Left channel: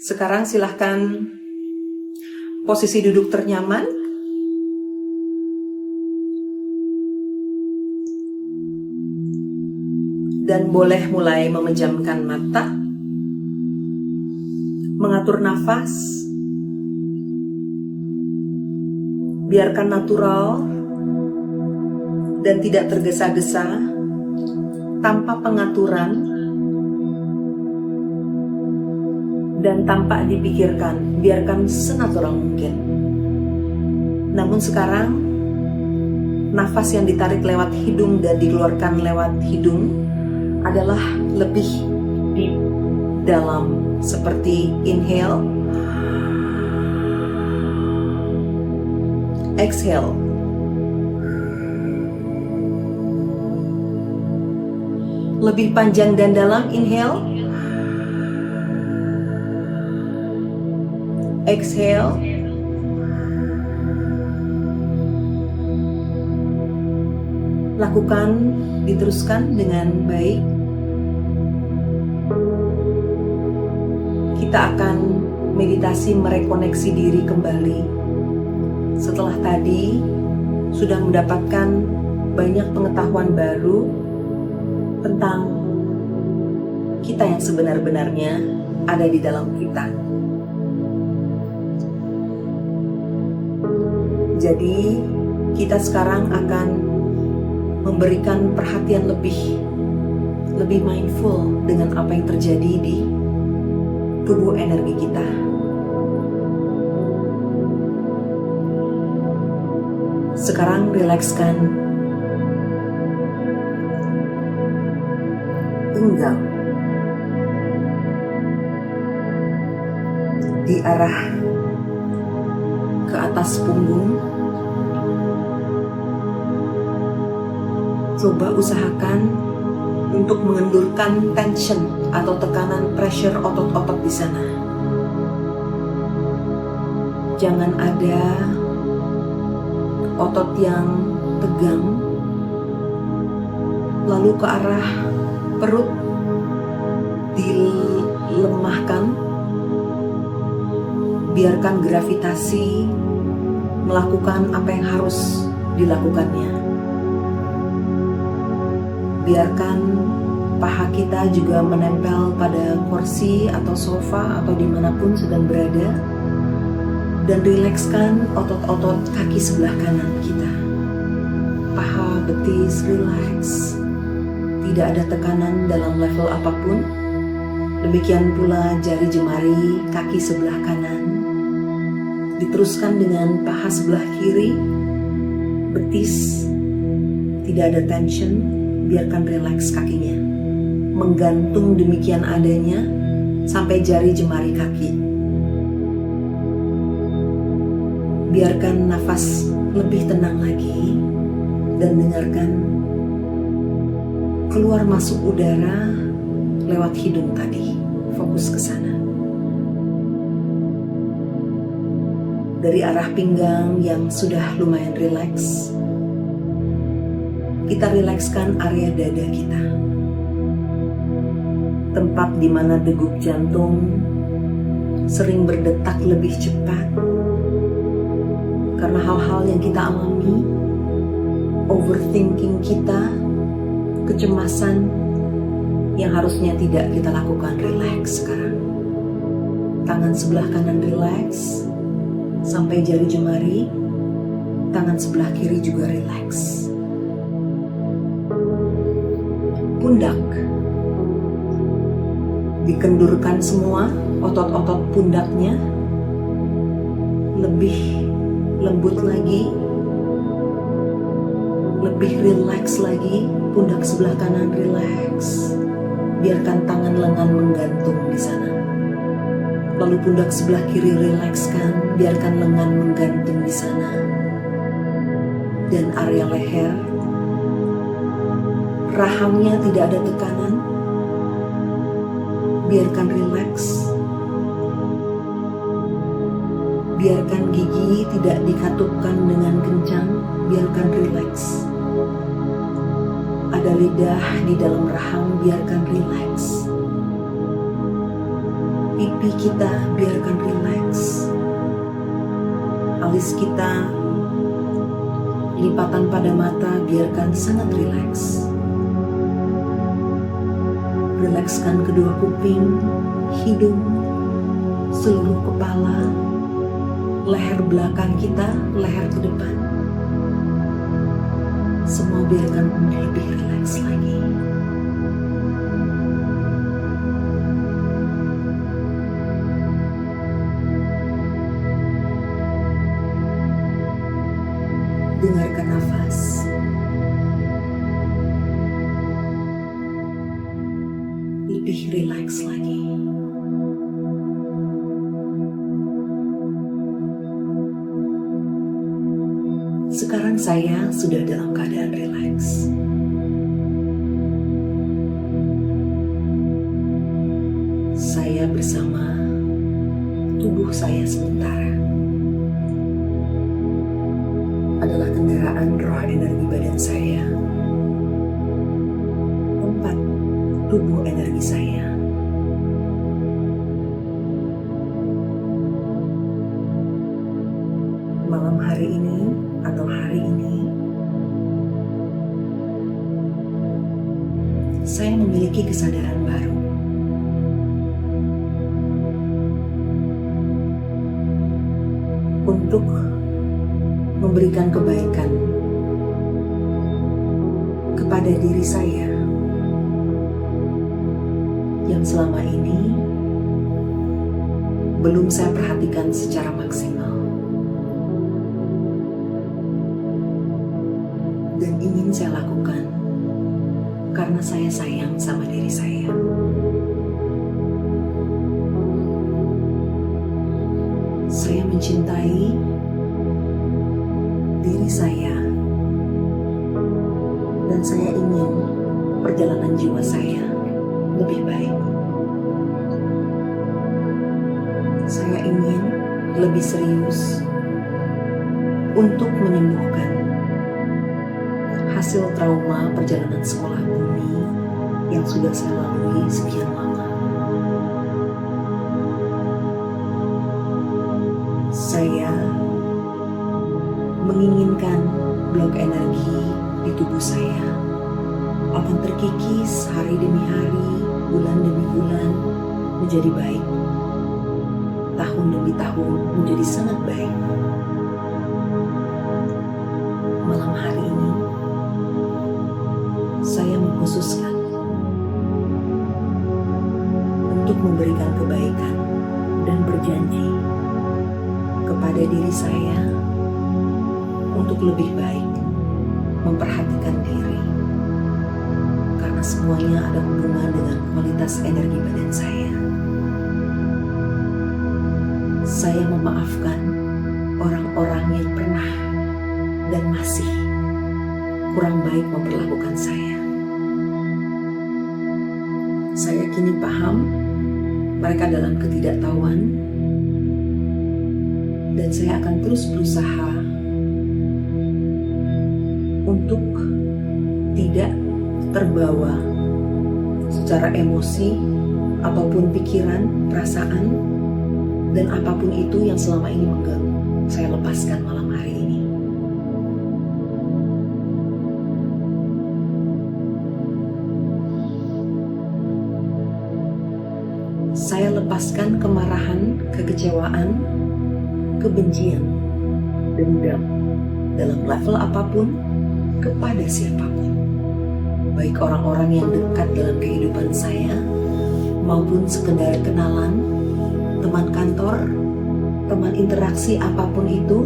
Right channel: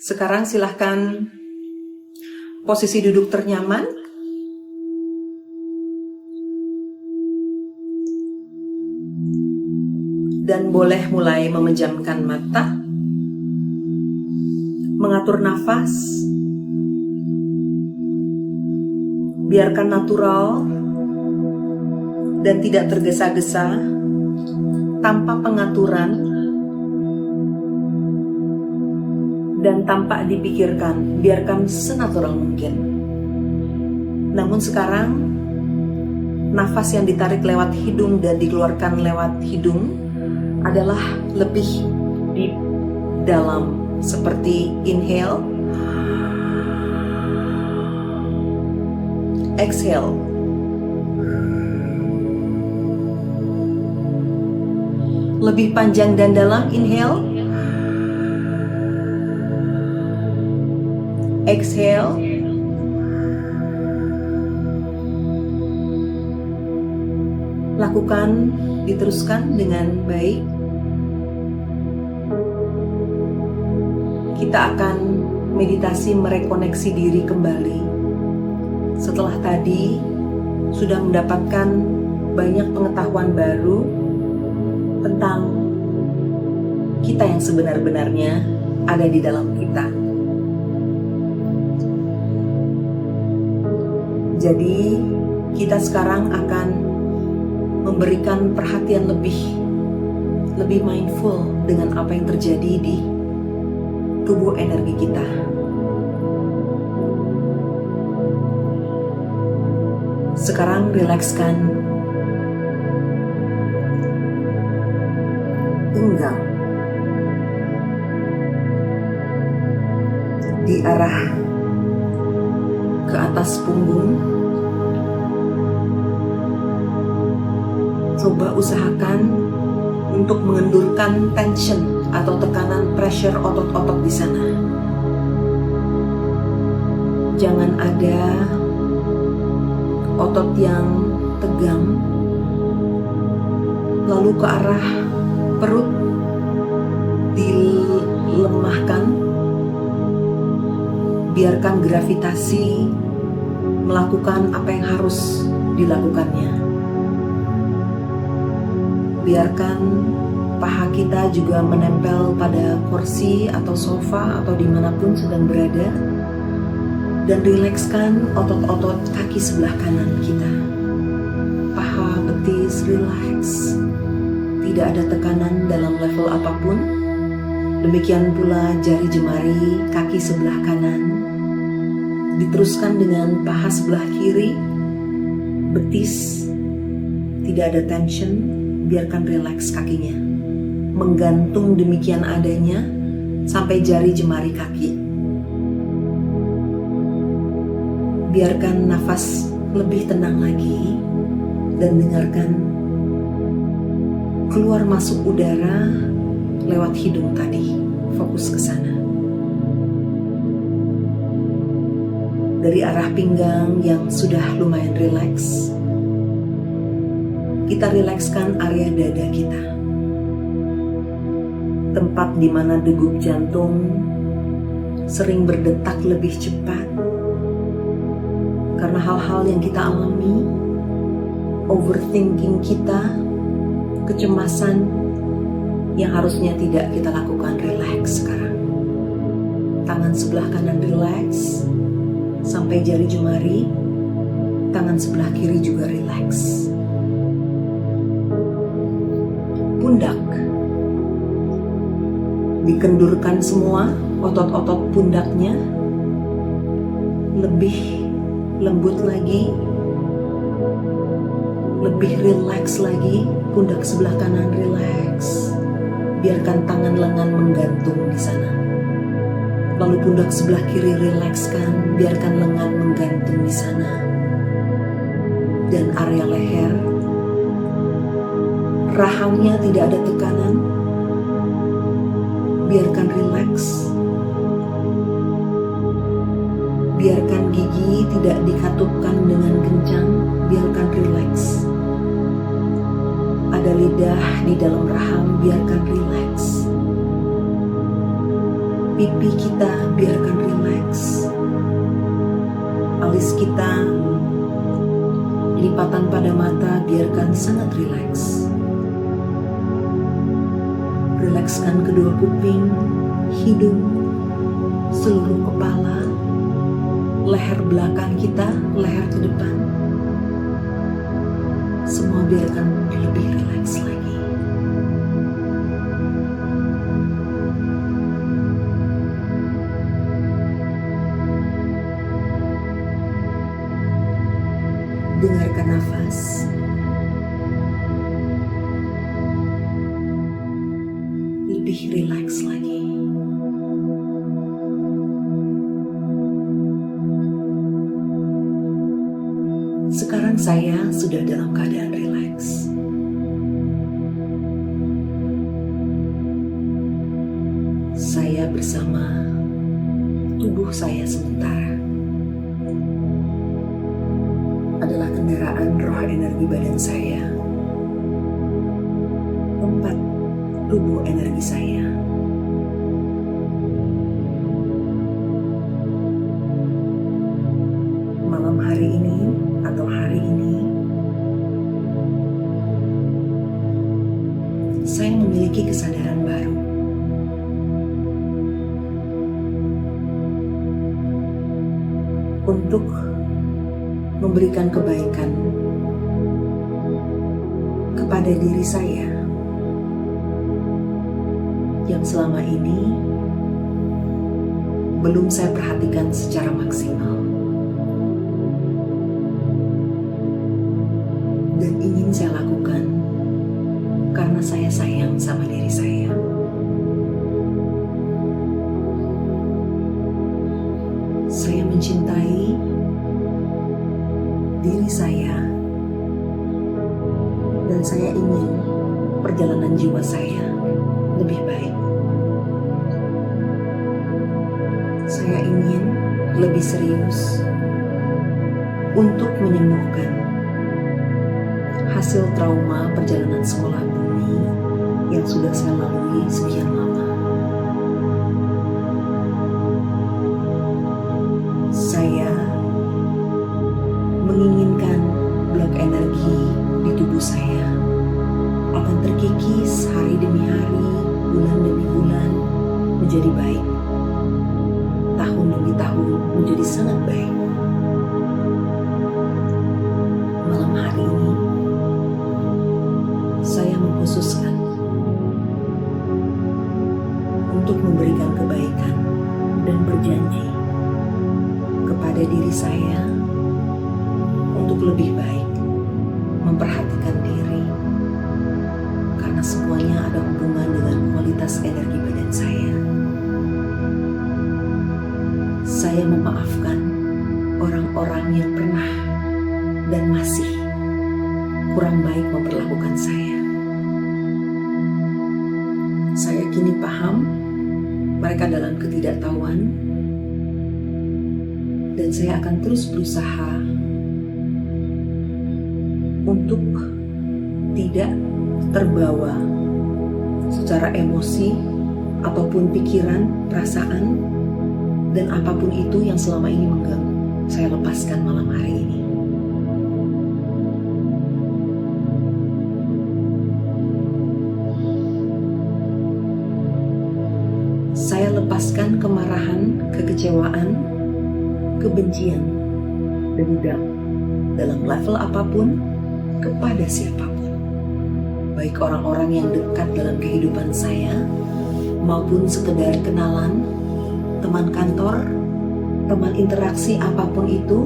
Sekarang silahkan posisi duduk ternyaman. Dan boleh mulai memejamkan mata, mengatur nafas, biarkan natural dan tidak tergesa-gesa, tanpa pengaturan dan tanpa dipikirkan, biarkan senatural mungkin. Namun sekarang, nafas yang ditarik lewat hidung dan dikeluarkan lewat hidung adalah lebih deep, dalam, seperti inhale, exhale. Lebih panjang dan dalam, inhale, exhale, lakukan, diteruskan dengan baik. Kita akan meditasi merekoneksi diri kembali. Setelah tadi sudah mendapatkan banyak pengetahuan baru tentang kita yang sebenar-benarnya ada di dalam kita. Jadi kita sekarang akan memberikan perhatian lebih mindful dengan apa yang terjadi di tubuh energi kita. Sekarang rilekskan pinggang di arah ke atas punggung. Coba usahakan untuk mengendurkan tension atau tekanan pressure otot-otot di sana. Jangan ada otot yang tegang, lalu ke arah perut dilemahkan. Biarkan gravitasi melakukan apa yang harus dilakukannya. Biarkan paha kita juga menempel pada kursi atau sofa atau dimanapun sedang berada. Dan rilekskan otot-otot kaki sebelah kanan kita. Paha, betis, rileks. Tidak ada tekanan dalam level apapun. Demikian pula jari jemari kaki sebelah kanan. Diteruskan dengan paha sebelah kiri. Betis. Tidak ada tension. Biarkan rileks kakinya, menggantung demikian adanya sampai jari jemari kaki. Biarkan nafas lebih tenang lagi dan dengarkan keluar masuk udara lewat hidung tadi. Fokus ke sana. Dari arah pinggang yang sudah lumayan rileks, kita rilekskan area dada kita. Tempat di mana degup jantung sering berdetak lebih cepat karena hal-hal yang kita alami, overthinking kita, kecemasan yang harusnya tidak kita lakukan. Rileks sekarang. Tangan sebelah kanan rileks sampai jari jemari, tangan sebelah kiri juga rileks. Pundak, dikendurkan semua otot-otot pundaknya, lebih lembut lagi, lebih rileks lagi. Pundak sebelah kanan rileks, biarkan tangan lengan menggantung di sana. Lalu pundak sebelah kiri rilekskan, biarkan lengan menggantung di sana. Dan area leher, rahangnya tidak ada tekanan, biarkan rileks. Biarkan gigi tidak dikatupkan dengan kencang, biarkan rileks. Ada lidah di dalam rahang, biarkan rileks. Pipi kita biarkan rileks. Alis kita, lipatan pada mata biarkan sangat rileks. Rilekskan kedua kuping, hidung, seluruh kepala, leher belakang kita, leher ke depan. Semua biarkan lebih rileks lagi. Dengarkan nafas. Lebih rileks lagi. Sekarang saya sudah dalam keadaan rileks. Saya bersama tubuh saya sementara adalah kendaraan roh energi badan saya, tempat tubuh energi saya. Malam hari ini atau hari ini, saya memiliki kesadaran baru. Untuk memberikan kebaikan kepada diri saya yang selama ini belum saya perhatikan secara maksimal dan ingin saya lakukan karena saya sayang sama diri saya. Saya mencintai diri saya, dan saya ingin perjalanan jiwa saya lebih baik. Saya ingin lebih serius untuk menyembuhkan hasil trauma perjalanan sekolah bumi yang sudah saya lalui sekian lama. Saya menginginkan blok energi di tubuh saya akan terkikis hari demi hari, bulan demi bulan menjadi baik, tahun demi tahun menjadi sangat baik. Malam hari ini saya mengkhususkan untuk memberikan kebaikan dan berjanji kepada diri saya untuk lebih baik memperhatikan diri, karena semuanya ada hubungan dengan kualitas energi badan saya. Saya memaafkan orang-orang yang pernah dan masih kurang baik memperlakukan saya. Saya kini paham mereka dalam ketidaktahuan, dan saya akan terus berusaha untuk tidak terbawa secara emosi ataupun pikiran, perasaan, dan apapun itu yang selama ini mengganggu. Saya lepaskan malam hari ini. Saya lepaskan kemarahan, kekecewaan, kebencian, dendam dalam level apapun kepada siapapun, baik orang-orang yang dekat dalam kehidupan saya maupun sekedar kenalan, teman kantor, teman interaksi apapun itu.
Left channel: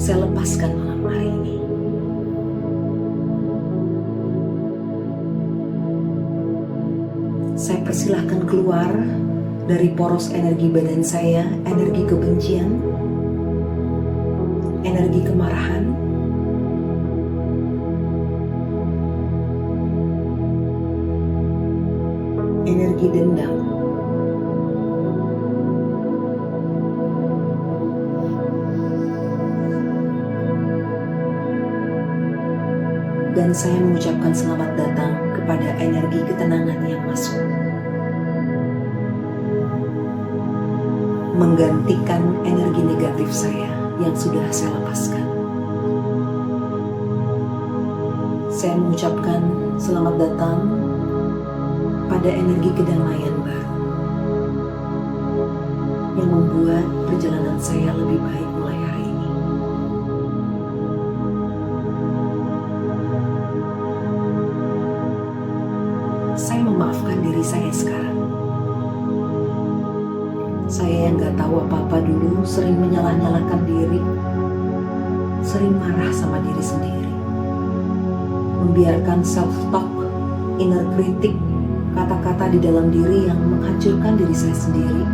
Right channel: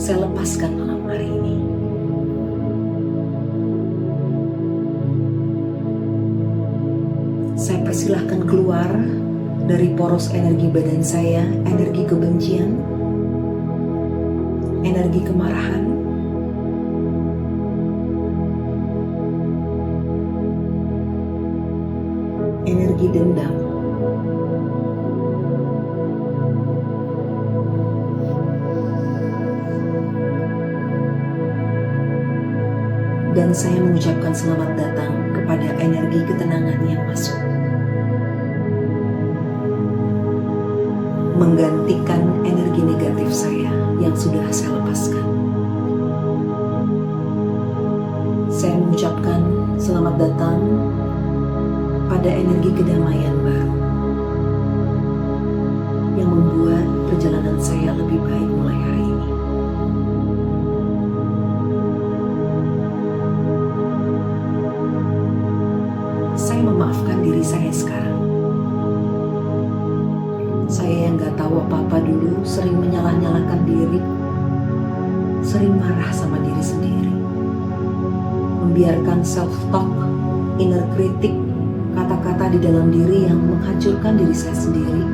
Saya lepaskan malam hari ini. Saya persilahkan keluar dari poros energi badan saya, energi kebencian, energi kemarahan, energi dendam, dan saya mengucapkan selamat datang kepada energi ketenangan yang masuk. menggantikan energi negatif saya yang sudah saya lepaskan. Saya mengucapkan selamat datang pada energi kedamaian baru yang membuat perjalanan saya lebih baik mulai hari ini. Saya memaafkan diri saya sekarang. Saya yang gak tahu apa-apa dulu sering menyalah-nyalahkan diri, sering marah sama diri sendiri, membiarkan self-talk, inner critic, kata-kata di dalam diri yang menghancurkan diri saya sendiri,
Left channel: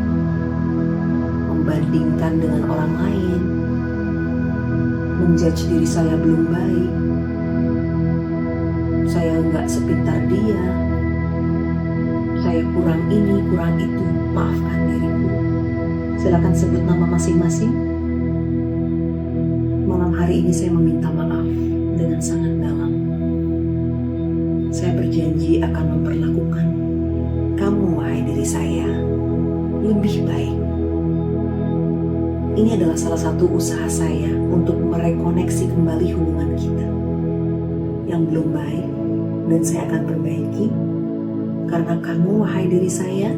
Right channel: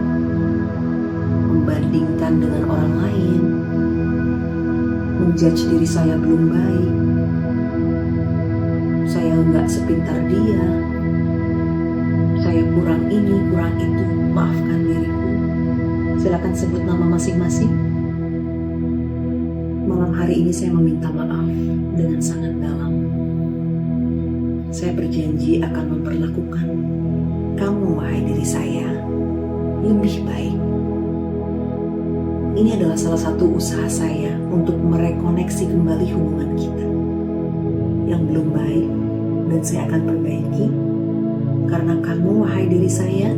membandingkan dengan orang lain, menjudge diri saya belum baik, saya gak sepintar dia, saya kurang ini, kurang itu, maafkan diriku. Silakan sebut nama masing-masing. Malam hari ini saya meminta maaf dengan sangat dalam. Saya berjanji akan memperlakukan kamu, wahai diri saya, lebih baik. Ini adalah salah satu usaha saya untuk merekoneksi kembali hubungan kita yang belum baik, dan saya akan perbaiki karena kamu, wahai diri saya,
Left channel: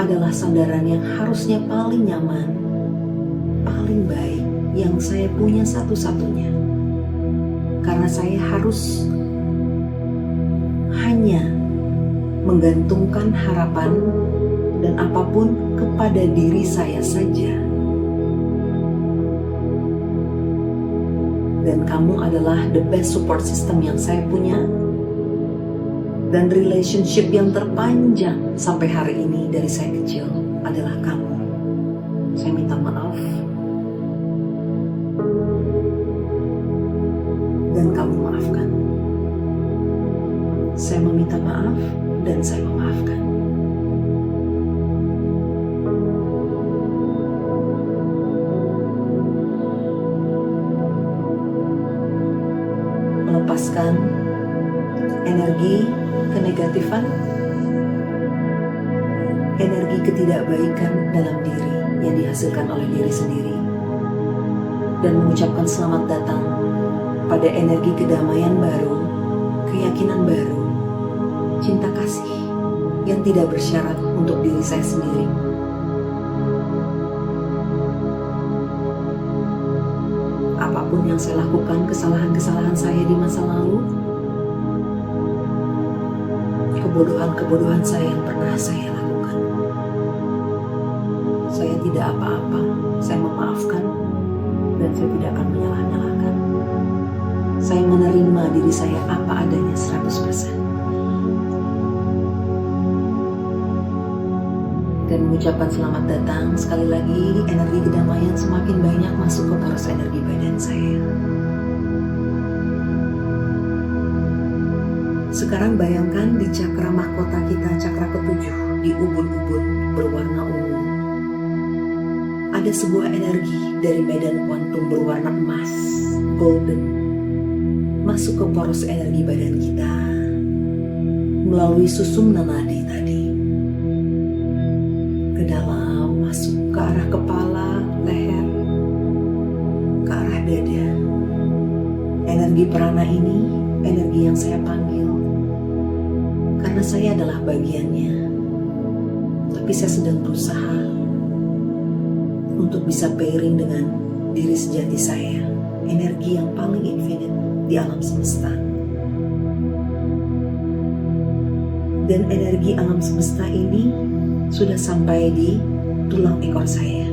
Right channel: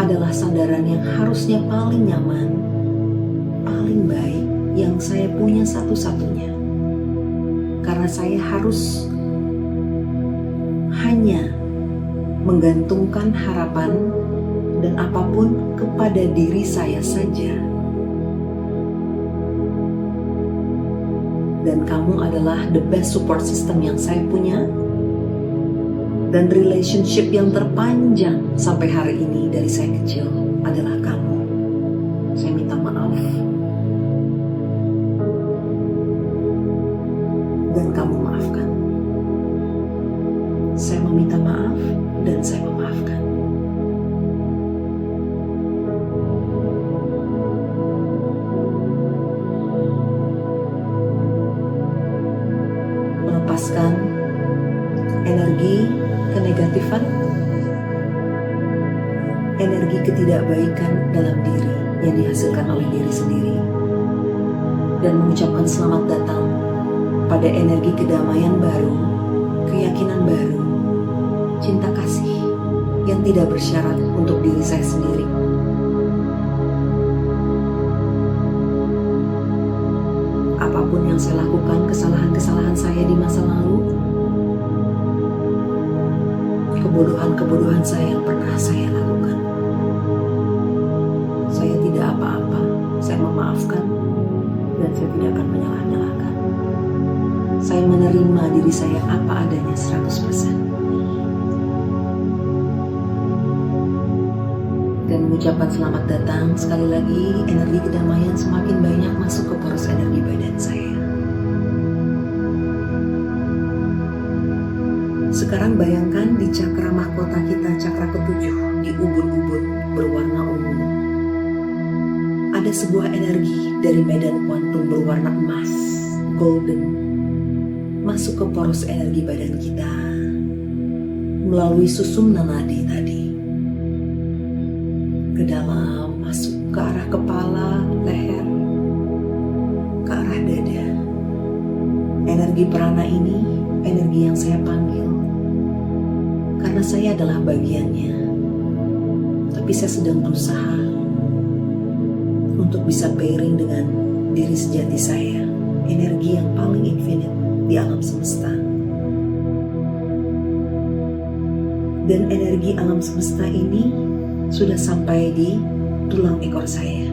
adalah sandaran yang harusnya paling nyaman, paling baik yang saya punya satu-satunya. Karena saya harus hanya menggantungkan harapan dan apapun kepada diri saya saja. Dan kamu adalah the best support system yang saya punya, dan relationship yang terpanjang sampai hari ini dari saya kecil adalah kamu. Saya minta maaf, dan kamu maafkan. Saya meminta maaf, dan saya memaafkan. Melepaskan energi kenegatifan, energi ketidakbaikan dalam diri yang dihasilkan oleh diri sendiri, dan mengucapkan selamat datang pada energi kedamaian baru, keyakinan baru, cinta kasih yang tidak bersyarat untuk diri saya sendiri. Apapun yang saya lakukan, kesalahan-kesalahan saya di masa lalu, kebodohan-kebodohan saya yang pernah saya lakukan, saya tidak apa-apa, saya memaafkan, dan saya tidak akan menyalah-nyalahkan. Saya menerima diri saya apa adanya 100%. Dan mengucapkan selamat datang sekali lagi, energi kedamaian semakin banyak masuk ke poros energi badan saya. Sekarang bayangkan di cakra mahkota kita, cakra ketujuh, di ubun-ubun berwarna ungu, ada sebuah energi dari medan kuantum berwarna emas, golden, masuk ke poros energi badan kita melalui susumna nadi tadi, ke dalam, masuk ke arah kepala, leher, ke arah dada. Energi prana ini energi yang saya panggil karena saya adalah bagiannya, tapi saya sedang berusaha untuk bisa pairing dengan diri sejati saya, energi yang paling infinite di alam semesta. Dan energi alam semesta ini sudah sampai di tulang ekor saya.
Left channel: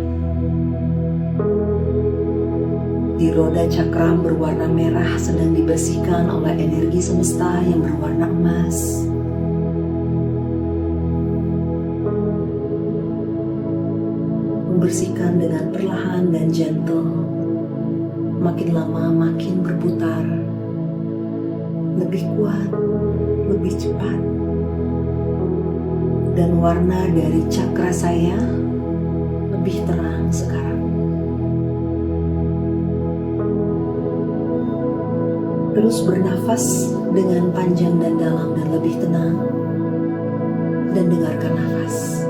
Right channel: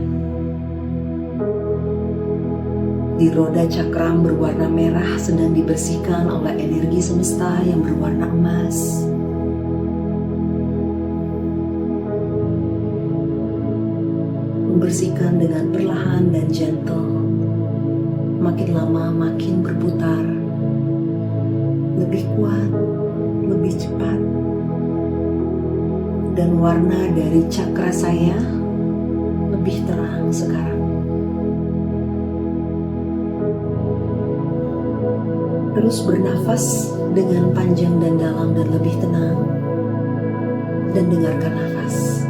Di roda cakram berwarna merah sedang dibersihkan oleh energi semesta yang berwarna emas. Membersihkan dengan perlahan dan gentle, makin lama makin berputar, lebih kuat, lebih cepat, dan warna dari cakra saya lebih terang sekarang. Terus bernafas dengan panjang dan dalam dan lebih tenang, dan dengarkan nafas.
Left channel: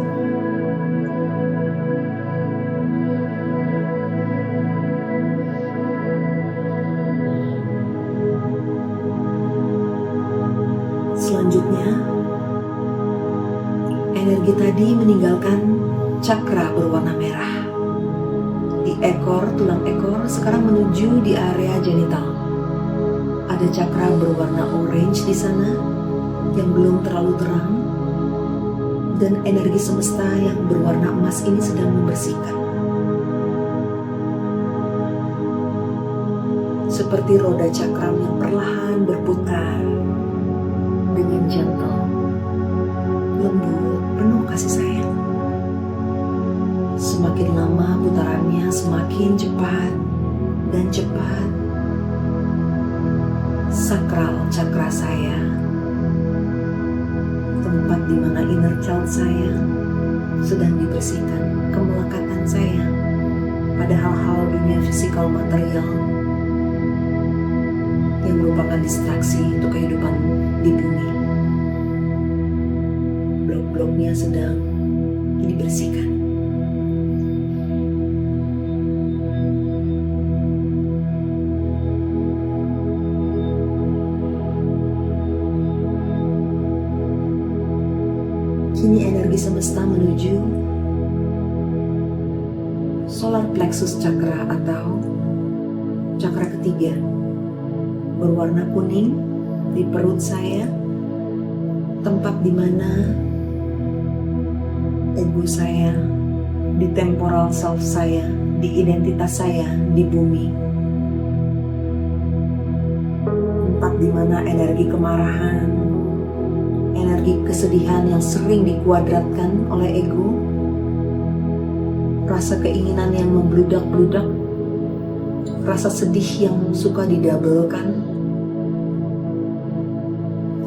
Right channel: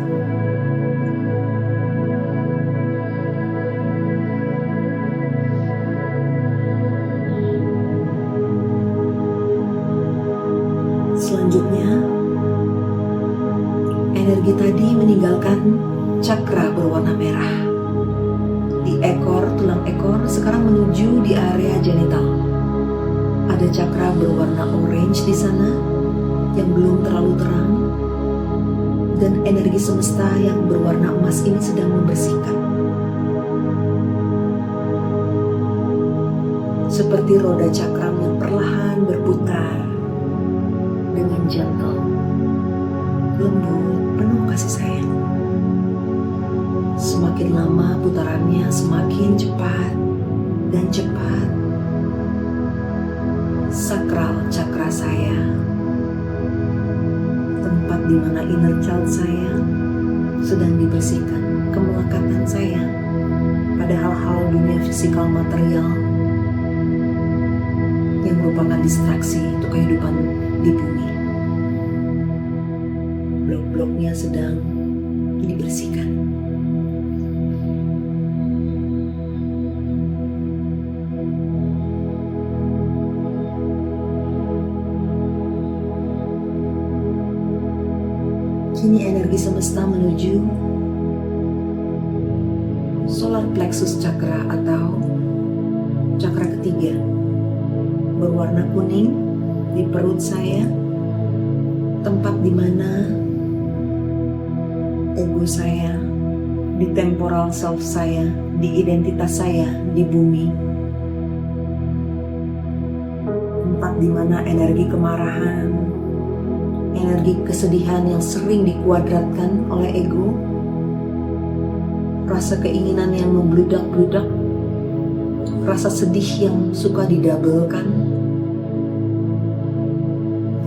Energi tadi meninggalkan cakra berwarna merah. Di ekor, tulang ekor, sekarang menuju di area genital. Ada cakra berwarna orange di sana yang belum terlalu terang, dan energi semesta yang berwarna emas ini sedang membersihkan. Seperti roda cakram yang perlahan berputar dengan gentle, lembut, penuh kasih sayang. Semakin lama putarannya semakin cepat dan cepat. Sakral cakra saya, tempat di mana inner child saya sedang dibersihkan kemelekatan saya pada hal-hal dunia fisikal material yang merupakan distraksi untuk kehidupan di bumi. Blok-bloknya sedang dibersihkan. Kini energi semesta menuju solar plexus chakra atau cakra ketiga, berwarna kuning di perut saya, tempat di mana ego saya, di temporal self saya, di identitas saya di bumi, tempat di mana energi kemarahan, energi kesedihan yang sering dikuadratkan oleh ego, rasa keinginan yang membludak-bludak, rasa sedih yang suka didabelkan,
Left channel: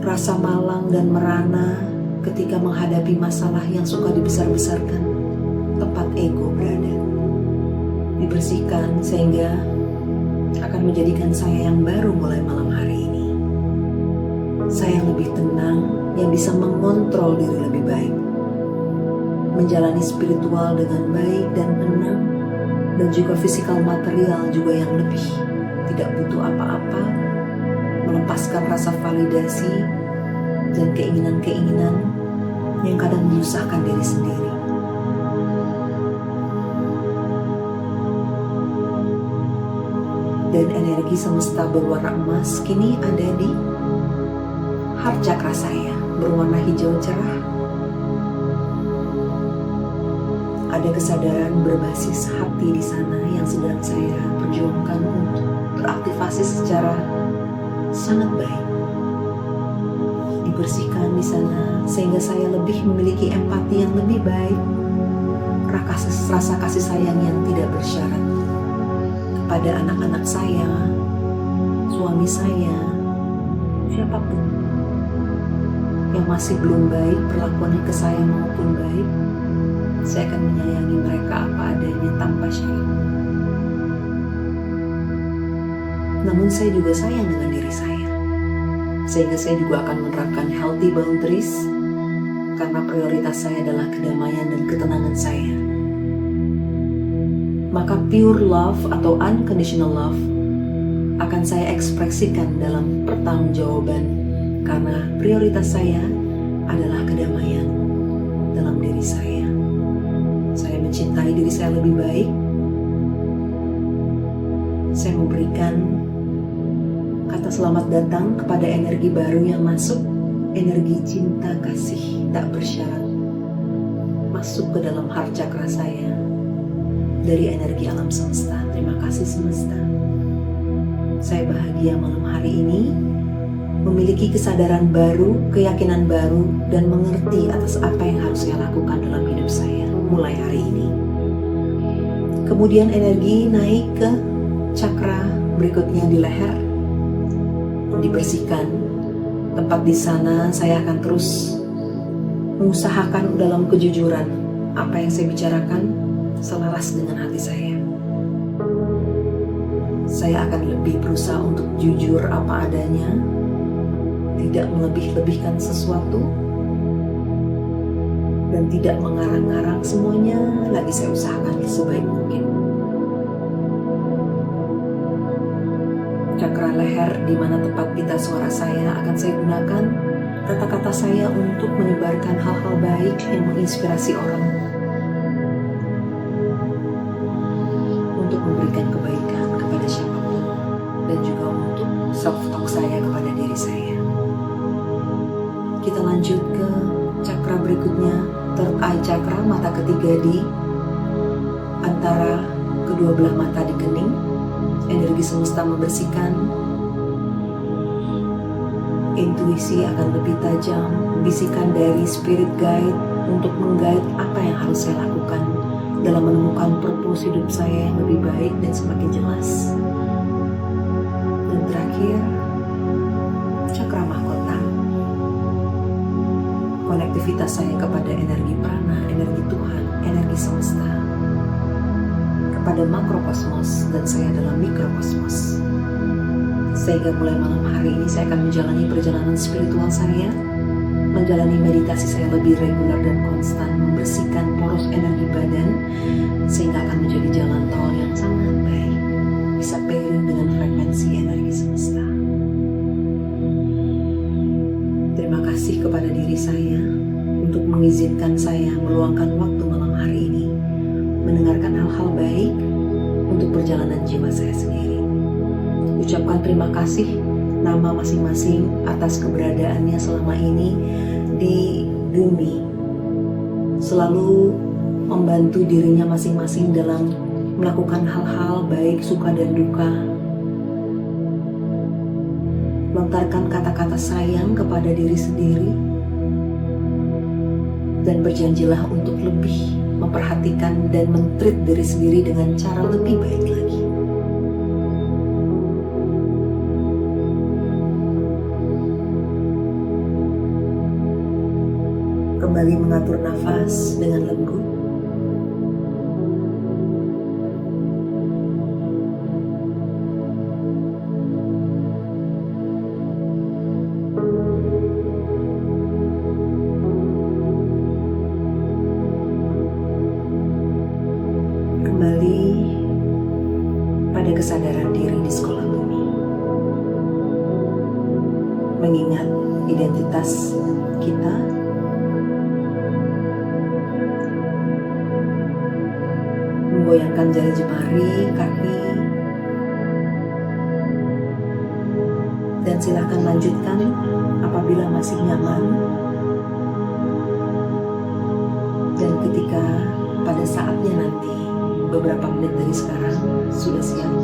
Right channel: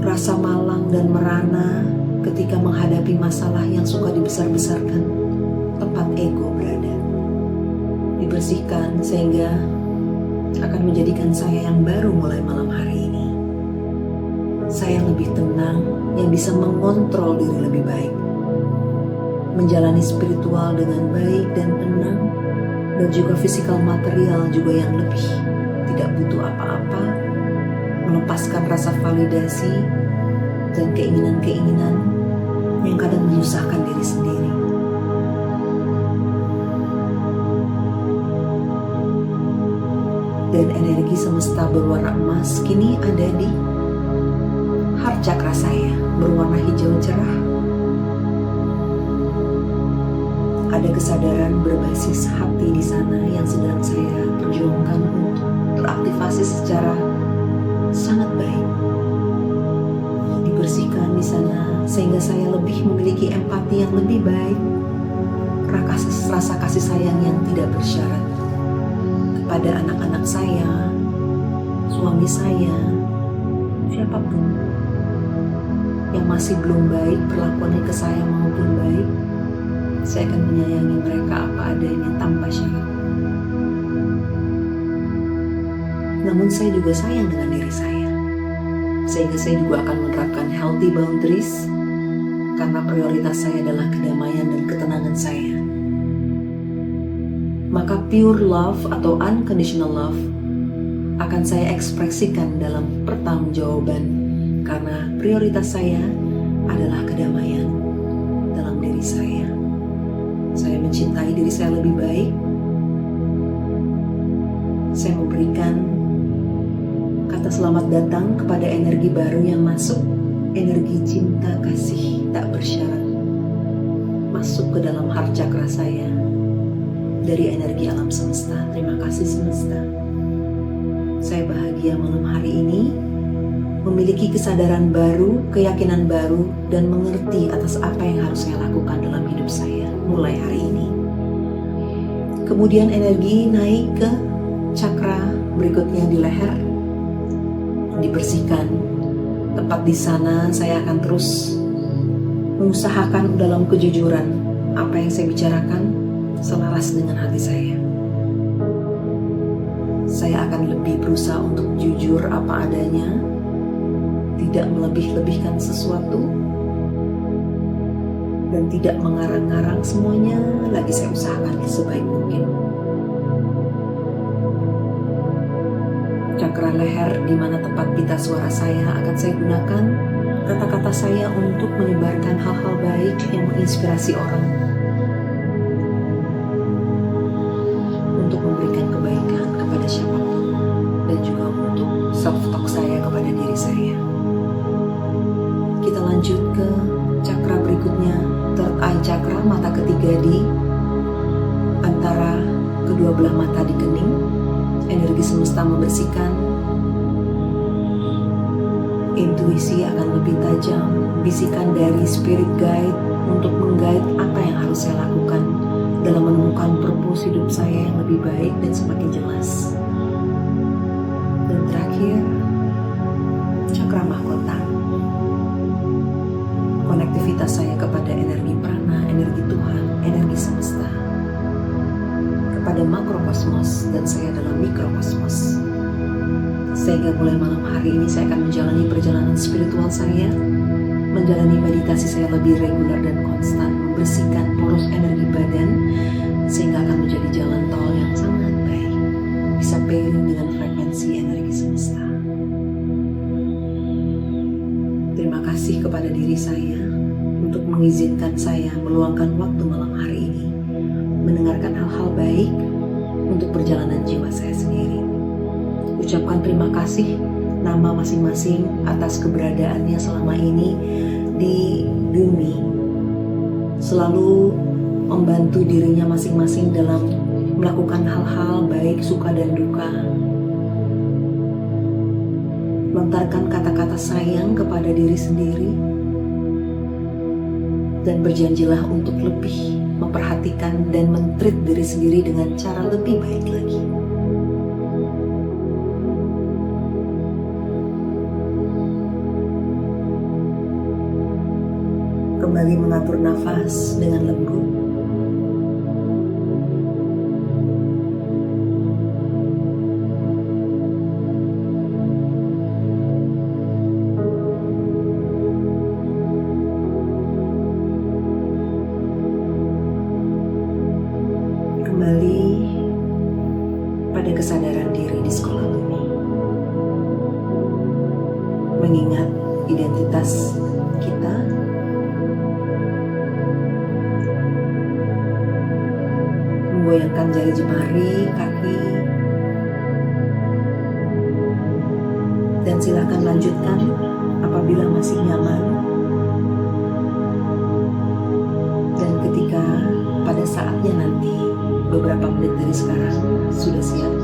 rasa malang dan merana ketika menghadapi masalah yang suka dibesar-besarkan, tempat ego berada. Dibersihkan sehingga akan menjadikan saya yang baru mulai malam hari ini. Saya yang lebih tenang, yang bisa mengontrol diri lebih baik, menjalani spiritual dengan baik dan tenang, dan juga fisikal material juga yang lebih tidak butuh apa-apa, melepaskan rasa validasi dan keinginan-keinginan yang kadang menyusahkan diri sendiri. Dan energi semesta berwarna emas kini ada di heart chakra saya, berwarna hijau cerah. Ada kesadaran berbasis hati di sana yang sedang saya perjuangkan untuk teraktivasi secara sangat baik. Dibersihkan di sana sehingga saya lebih memiliki empati yang lebih baik, rasa kasih sayang yang tidak bersyarat kepada anak-anak saya, suami saya, siapapun yang masih belum baik perlakuannya ke saya maupun baik, saya akan menyayangi mereka apa adanya tanpa syarat. Namun saya juga sayang dengan diri saya, sehingga saya juga akan menerapkan healthy boundaries, karena prioritas saya adalah kedamaian dan ketenangan saya. Maka pure love atau unconditional love akan saya ekspresikan dalam pertanggungjawaban, karena prioritas saya adalah kedamaian dalam diri saya. Saya mencintai diri saya lebih baik. Saya memberikan kata selamat datang kepada energi baru yang masuk, energi cinta kasih tak bersyarat, masuk ke dalam heart chakra saya dari energi alam semesta. Terima kasih semesta. Saya bahagia malam hari ini memiliki kesadaran baru, keyakinan baru, dan mengerti atas apa yang harus saya lakukan dalam hidup saya mulai hari ini. Kemudian energi naik ke cakra berikutnya di leher, dibersihkan. Tempat di sana saya akan terus mengusahakan dalam kejujuran apa yang saya bicarakan selaras dengan hati saya. Saya akan lebih berusaha untuk jujur apa adanya, tidak melebih-lebihkan sesuatu, dan tidak mengarang-ngarang semuanya. Lagi saya usahakan sebaik mungkin. Cakra leher di mana tempat pita suara saya akan saya gunakan kata-kata saya untuk menyebarkan hal-hal baik yang menginspirasi orang, untuk memberikan kebaikan kepada siapapun, dan juga untuk self-talk saya kepada diri saya. Kita lanjut ke cakra berikutnya, third eye chakra, mata ketiga di antara kedua belah mata di kening. Energi semesta membersihkan, intuisi akan lebih tajam, bisikan dari spirit guide untuk meng-guide apa yang harus saya lakukan dalam menemukan purpose hidup saya yang lebih baik dan semakin jelas. Dan terakhir, cakra mahkota, konektivitas saya kepada energi prana, energi Tuhan, energi semesta, kepada makrokosmos, dan saya adalah mikrokosmos. Sehingga mulai malam hari ini saya akan menjalani perjalanan spiritual saya, menjalani meditasi saya lebih reguler dan konstan, membersihkan poros energi badan, sehingga akan menjadi jalan tol yang sangat baik, bisa pairing dengan frekuensi energi semesta. Terima kasih kepada diri saya untuk mengizinkan saya meluangkan waktu malam hari ini, mendengarkan hal-hal baik untuk perjalanan jiwa saya sendiri. Ucapkan terima kasih nama masing-masing atas keberadaannya selama ini di bumi, selalu membantu dirinya masing-masing dalam melakukan hal-hal baik, suka dan duka. Lontarkan kata-kata sayang kepada diri sendiri, dan berjanjilah untuk lebih memperhatikan dan men-treat diri sendiri dengan cara lebih baik lagi. Kembali mengatur nafas dengan lembut. Kembali pada kesadaran diri di sekolah bumi. Mengingat identitas kita, menggoyangkan jari jemari, kaki, dan silakan lanjutkan apabila masih nyaman. Dan ketika pada saatnya nanti, beberapa menit dari sekarang sudah siap,